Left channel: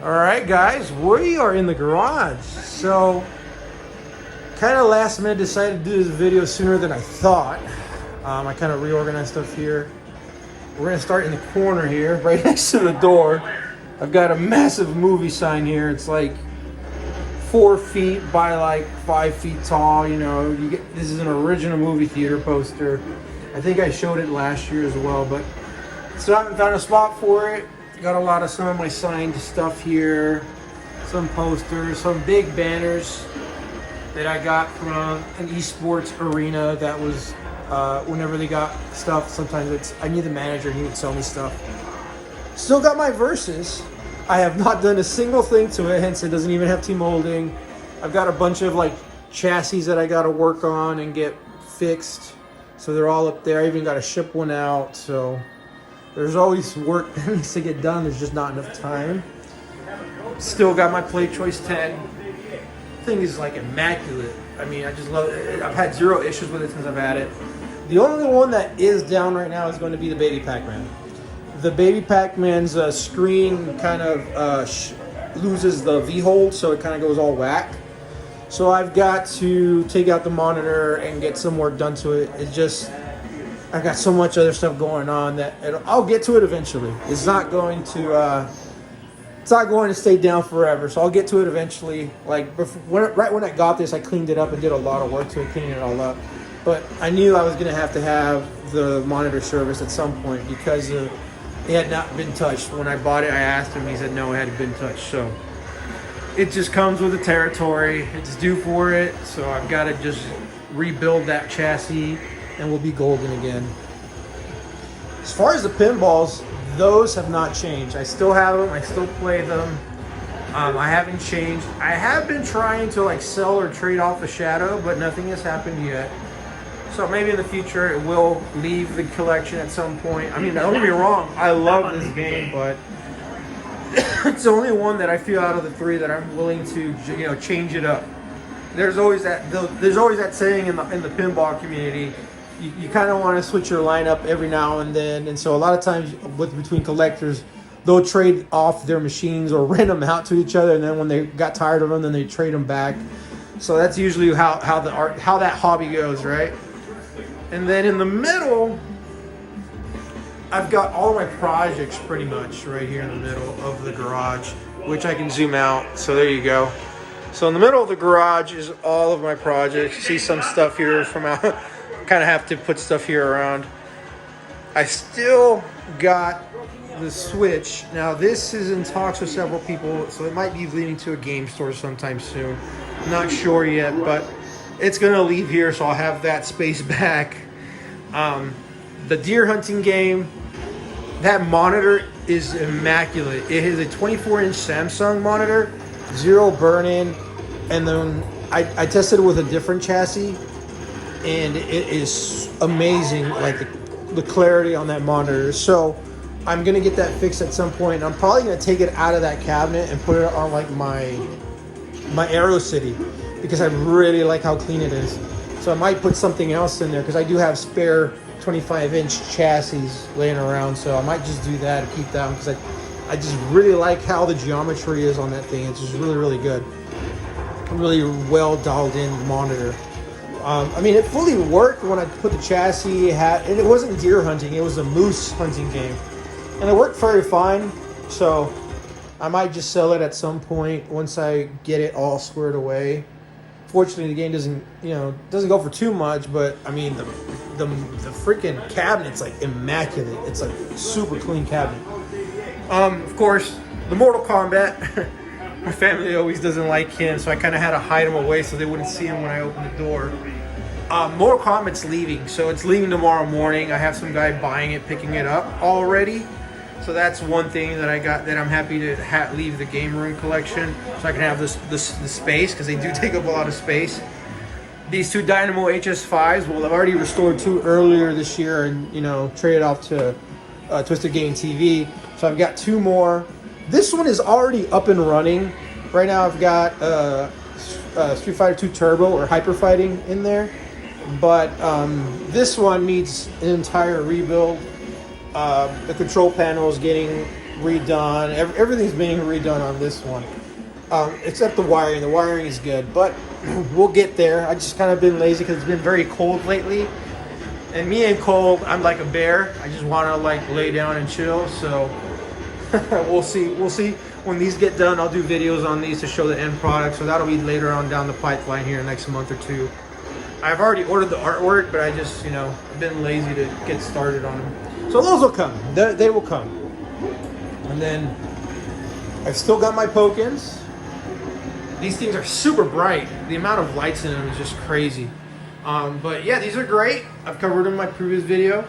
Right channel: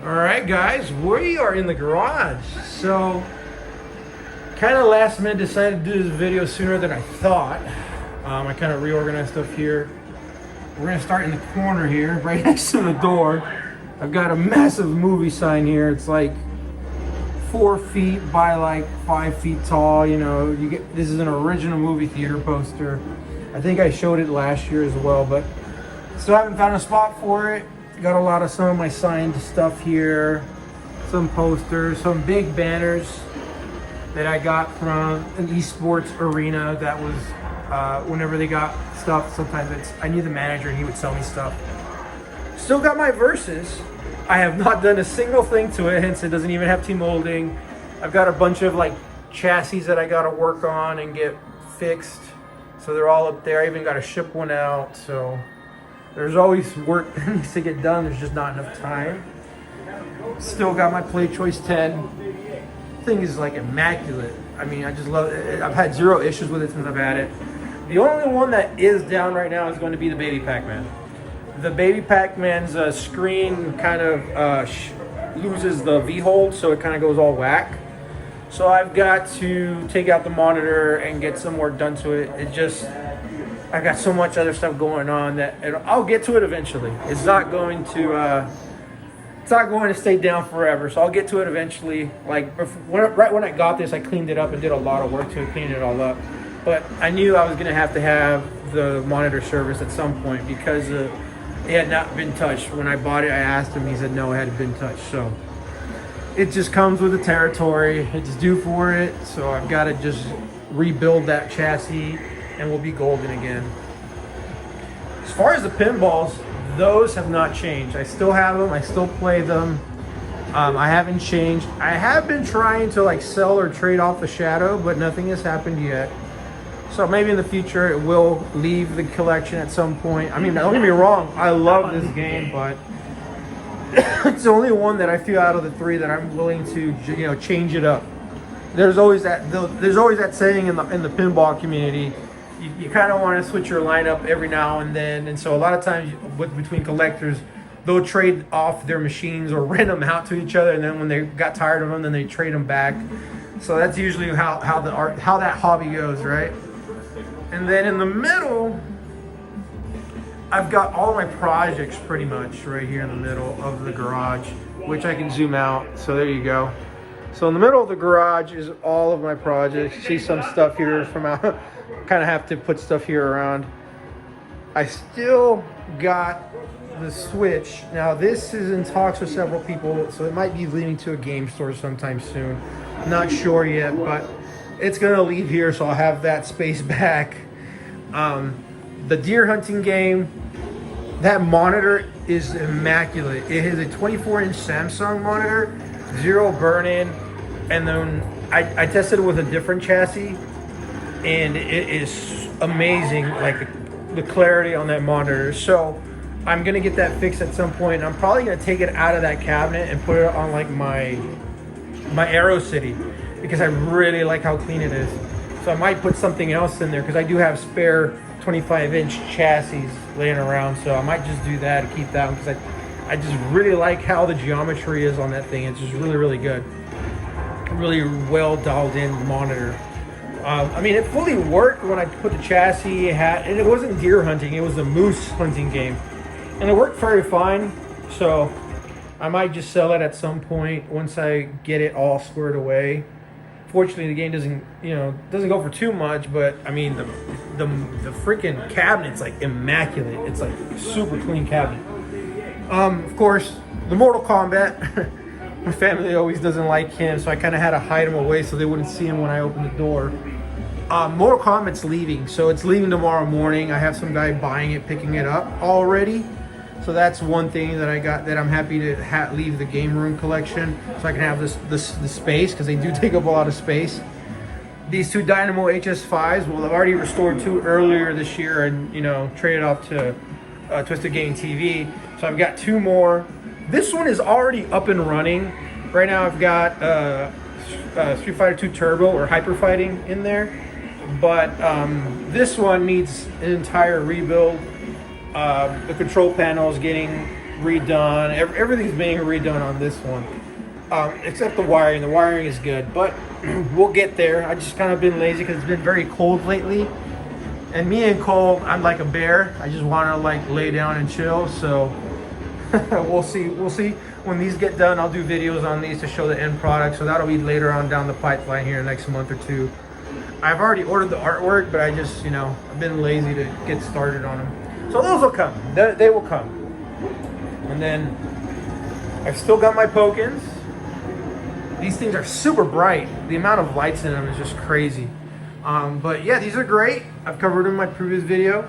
All right, guys, we are in the garage. So, kind of last minute decided to do this video sooner than I thought. I kind of reorganized stuff here. We're gonna start in the corner here, right next to the door. I've got a massive movie sign here. It's like 4 feet by like 5 feet tall. You know, this is an original movie theater poster. I think I showed it last year as well, but still haven't found a spot for it. Got a lot of some of my signed stuff here, some posters, some big banners that I got from an esports arena. That was whenever they got stuff, sometimes I knew the manager and he would sell me stuff. Still got my Versus. I have not done a single thing to it, hence it doesn't even have T-molding. I've got a bunch of like chassis that I gotta work on and get fixed. So they're all up there. I even gotta ship one out, so there's always work that needs to get done. There's just not enough time. Still got my Play Choice 10. Thing is like immaculate. I mean, I just love it. I've had zero issues with it since I've had it. The only one that is down right now is going to be the Baby Pac-Man. The Baby Pac-Man's screen kind of loses the V-hold, so it kind of goes all whack. So I've got to take out the monitor and get some work done to it. It just, I've got so much other stuff going on that I'll get to it eventually. It's not going to stay down forever. So I'll get to it eventually. Like right when I got this, I cleaned it up and did a lot of work to it, cleaning it all up. But I knew I was gonna have to have the monitor service at some point because it had not been touched. When I bought it, I asked him. He said no, it hadn't been touched. So it just comes with the territory. It's due for it. So I've got to just rebuild that chassis and we'll be golden again. As far as the pinballs, those have not changed. I still have them. I still play them. I haven't changed. I have been trying to like sell or trade off the Shadow, but nothing has happened yet. So maybe in the future it will leave the collection at some point. I mean, don't get me wrong. I love this game, but it's the only one that I feel out of the three that I'm willing to, change it up. There's always that saying in the pinball community. You kind of want to switch your lineup every now and then, and so a lot of times between collectors, they'll trade off their machines or rent them out to each other, and then when they got tired of them, then they trade them back. So that's usually how that hobby goes, right? And then in the middle, I've got all my projects pretty much right here in the middle of the garage, which I can zoom out. So there you go. So in the middle of the garage is all of my projects. You see some stuff here from out. Kind of have to put stuff here around. I still got the Switch. Now this is in talks with several people, so it might be leading to a game store sometime soon. Not sure yet, but it's gonna leave here, so I'll have that space back. The deer hunting game, that monitor is immaculate. It is a 24-inch Samsung monitor, zero burn-in, and then I tested it with a different chassis. And it is amazing, like the clarity on that monitor. So I'm gonna get that fixed at some point. And I'm probably gonna take it out of that cabinet and put it on like my Aero City because I really like how clean it is. So I might put something else in there because I do have spare 25-inch chassis laying around. So I might just do that and keep that one because I just really like how the geometry is on that thing. It's just really, really good. Really well dialed in monitor. I mean, it fully worked when I put the chassis. And it wasn't deer hunting; it was a moose hunting game, and it worked very fine. So I might just sell it at some point once I get it all squared away. Fortunately, the game doesn't go for too much. But I mean, the freaking cabinet's like immaculate. It's like a super clean cabinet. Of course, the Mortal Kombat. My family always doesn't like him, so I kind of had to hide him away so they wouldn't see him when I opened the door. Mortal Kombat's leaving, so it's leaving tomorrow morning. I have some guy buying it, picking it up already. So that's one thing that I got that I'm happy to leave the game room collection, so I can have the space because they do take up a lot of space. These two Dynamo HS5s, well, I've already restored two earlier this year and traded off to Twisted Gaming TV. So I've got two more. This one is already up and running. Right now I've got Street Fighter 2 Turbo or Hyper Fighting in there. But this one needs an entire rebuild. The control panel is getting redone. Everything's being redone on this one, except the wiring. The wiring is good, but we'll get there. I just kind of been lazy because it's been very cold lately. And me and cold, I'm like a bear. I just want to like lay down and chill. So we'll see. We'll see. When these get done, I'll do videos on these to show the end product. So that'll be later on down the pipeline here in the next month or two. I've already ordered the artwork, but I just, I've been lazy to get started on them. So those will come. They will come. And then I've still got my Pokins. These things are super bright. The amount of lights in them is just crazy. But yeah, these are great. I've covered them in my previous video.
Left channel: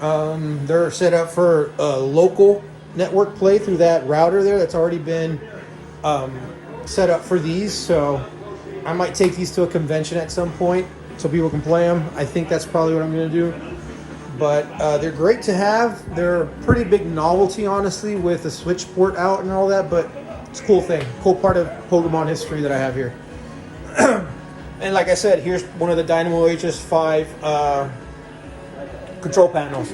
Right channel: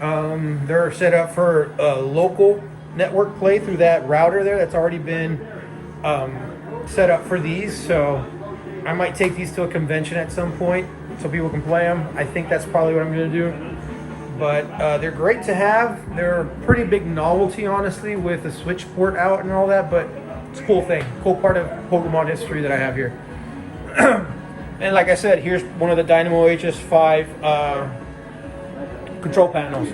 They're set up for local network play through that router there that's already been set up for these. So I might take these to a convention at some point so people can play them. I think that's probably what I'm going to do. But they're great to have. They're a pretty big novelty, honestly, with the Switch port out and all that. But it's a cool thing, cool part of Pokemon history that I have here. And like I said, here's one of the Dynamo HS5 control panels.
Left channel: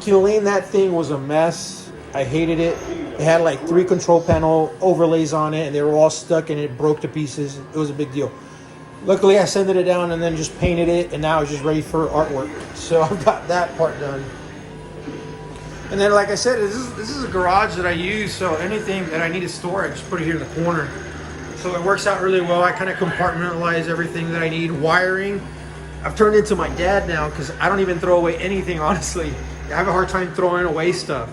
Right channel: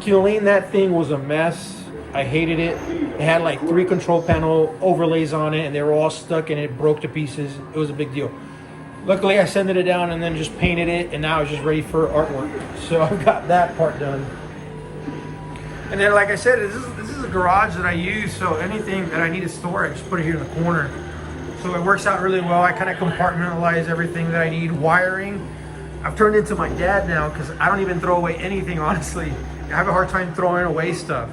Cleaning that thing was a mess. I hated it. It had like 3 control panel overlays on it, and they were all stuck, and it broke to pieces. It was a big deal. Luckily, I sanded it down and then just painted it, and now it's just ready for artwork. So I've got that part done. And then, like I said, this is a garage that I use, so anything that I need to store, I just put it here in the corner. So it works out really well. I kind of compartmentalize everything that I need. Wiring, I've turned into my dad now because I don't even throw away anything, honestly. I have a hard time throwing away stuff.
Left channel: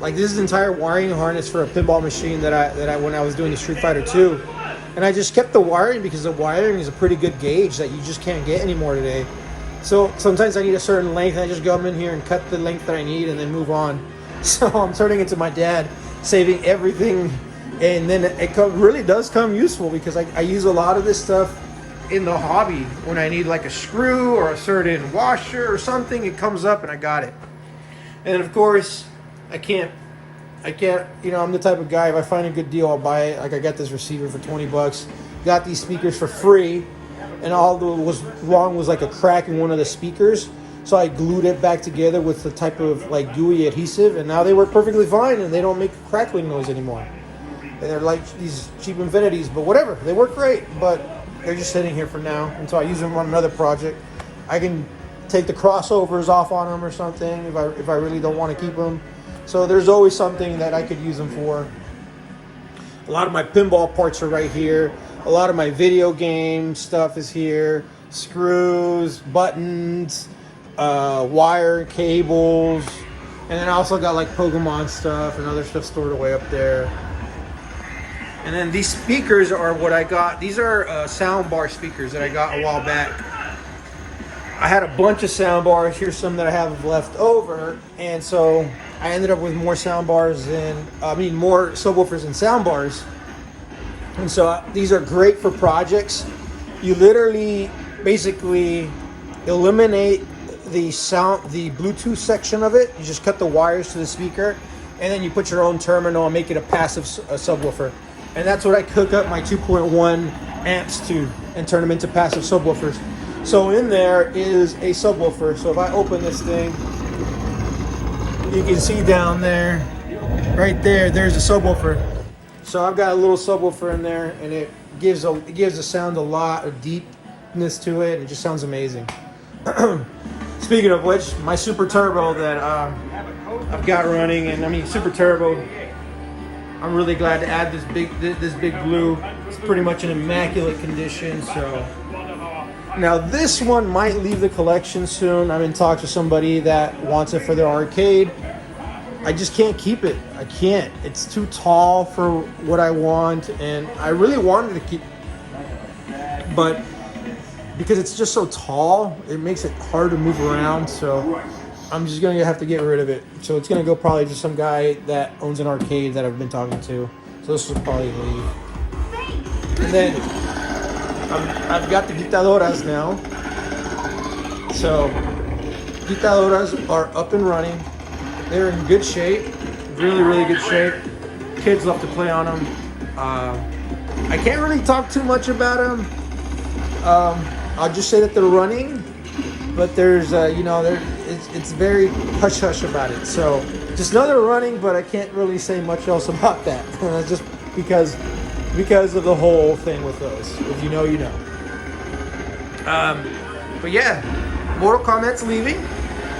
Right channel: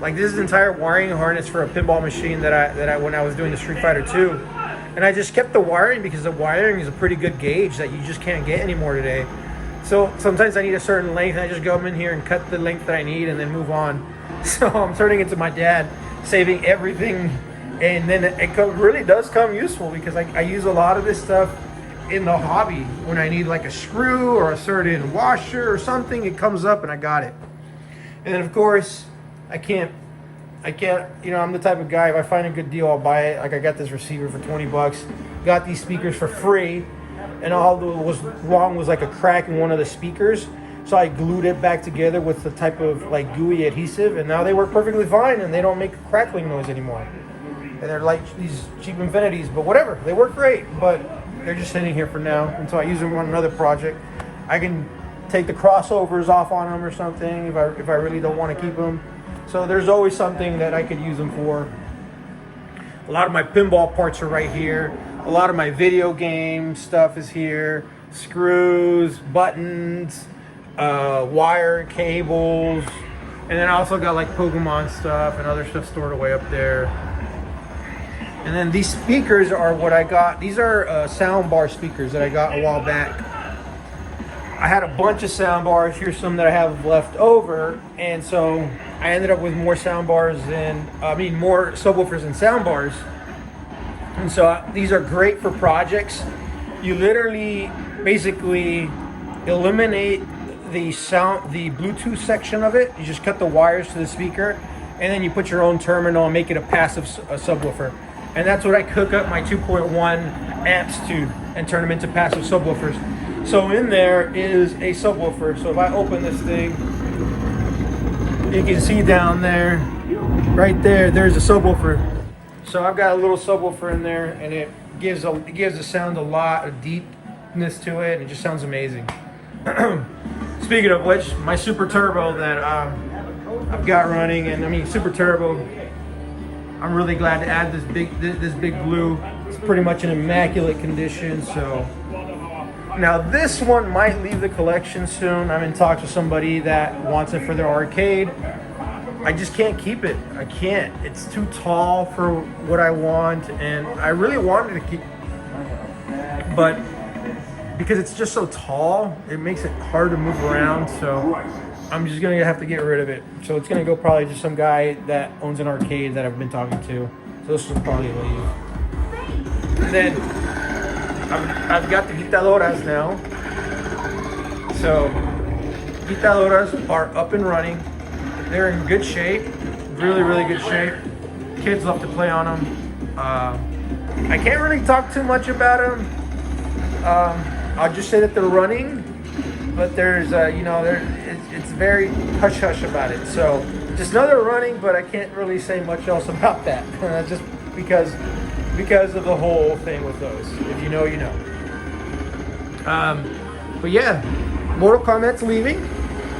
Like this is an entire wiring harness for a pinball machine that I when I was doing the Street Fighter 2. And I just kept the wiring because the wiring is a pretty good gauge that you just can't get anymore today. So sometimes I need a certain length, and I just go in here and cut the length that I need and then move on. So I'm turning into my dad, saving everything. And then it really does come useful because I use a lot of this stuff in the hobby. When I need like a screw or a certain washer or something, it comes up and I got it. And of course, I can't, I'm the type of guy, if I find a good deal, I'll buy it. Like I got this receiver for 20 bucks, got these speakers for free, and all that was wrong was like a crack in one of the speakers. So I glued it back together with the type of like gooey adhesive, and now they work perfectly fine, and they don't make a crackling noise anymore. And they're like these cheap Infinities, but whatever, they work great, but they're just sitting here for now until I use them on another project. I can take the crossovers off on them or something if I really don't want to keep them. So there's always something that I could use them for. A lot of my pinball parts are right here. A lot of my video game stuff is here. Screws, buttons, wire, cables. And then I also got like Pokemon stuff and other stuff stored away up there. And then these speakers are what I got. These are soundbar speakers that I got a while back. I had a bunch of sound bars. Here's some that I have left over, and so I ended up with more sound bars more subwoofers and sound bars. And so these are great for projects. You literally basically eliminate the Bluetooth section of it. You just cut the wires to the speaker, and then you put your own terminal and make it a passive subwoofer. And that's what I hook up my 2.1 amps to and turn them into passive subwoofers. So in there is a subwoofer. So if I open this thing, you can see down there, right there, there's a subwoofer. So I've got a little subwoofer in there, and it gives the sound a lot of deepness to it. It just sounds amazing. Speaking of which, my Super Turbo that I've got running, and I mean Super Turbo, I'm really glad to add this big blue. It's pretty much in immaculate condition. So now this one might leave the collection soon. I'm in talks with somebody that wants it for their arcade. I just can't keep it. I can't. It's too tall for what I want, and I really wanted to keep, but because it's just so tall, it makes it hard to move around. So I'm just gonna have to get rid of it. So it's gonna go probably to some guy that owns an arcade that I've been talking to. So this will probably leave. And then I've got the Guitadoras now. So Guitadoras are up and running. They're in good shape, really good shape. Kids love to play on them. I can't really talk too much about them. I'll just say that they're running, but there's, it's very hush-hush about it. So just know they're running, but I can't really say much else about that. Just because of the whole thing with those. If you know, you know. But yeah, Mortal Kombat's leaving.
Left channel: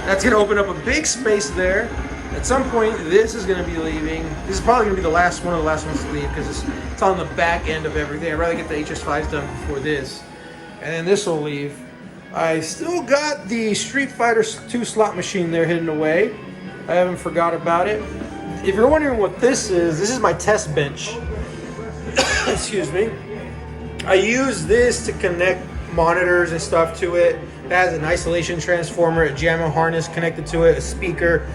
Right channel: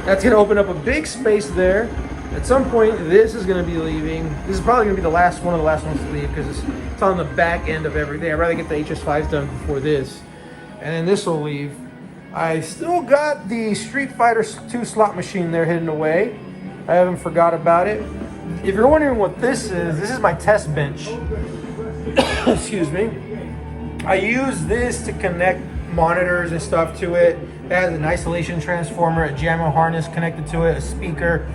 That's gonna open up a big space there. At some point, this is gonna be leaving. This is probably gonna be the last one of the last ones to leave because it's on the back end of everything. I'd rather get the HS5s done before this. And then this will leave. I still got the Street Fighter 2 slot machine there hidden away. I haven't forgot about it. If you're wondering what this is my test bench. Excuse me. I use this to connect monitors and stuff to it. It has an isolation transformer, a JAMO harness connected to it, a speaker,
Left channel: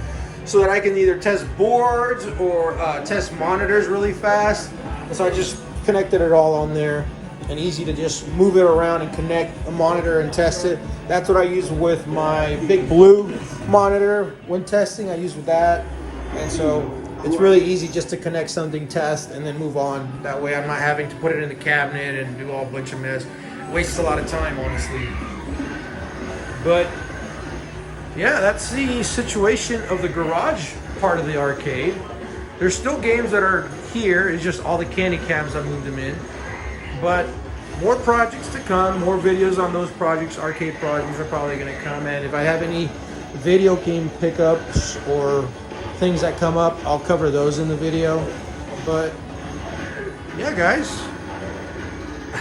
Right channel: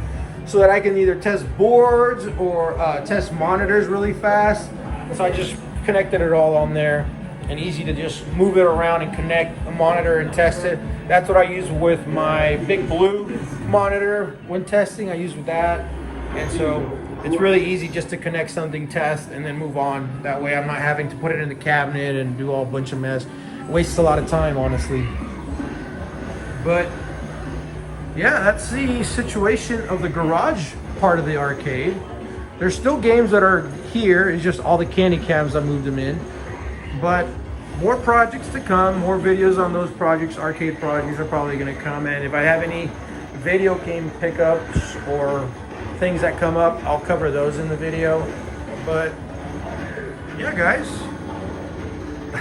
so that I can either test boards or test monitors really fast. So I just connected it all on there, and easy to just move it around and connect a monitor and test it. That's what I use with my Big Blue monitor when testing. I use with that, and so it's really easy just to connect something, test, and then move on. That way I'm not having to put it in the cabinet and do all a bunch of mess. It wastes a lot of time, honestly. But yeah, that's the situation of the garage part of the arcade. There's still games that are here. It's just all the candy cams, I moved them in. But more projects to come, more videos on those projects, arcade projects are probably gonna come. And if I have any video game pickups or things that come up, I'll cover those in the video. But yeah, guys,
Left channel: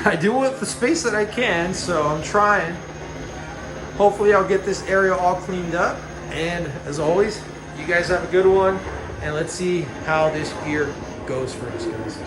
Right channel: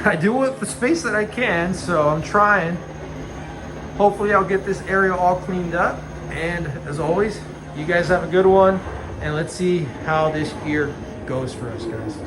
I do with the space that I can, so I'm trying. Hopefully I'll get this area all cleaned up. And as always, you guys have a good one, and let's see how this year goes for us, guys.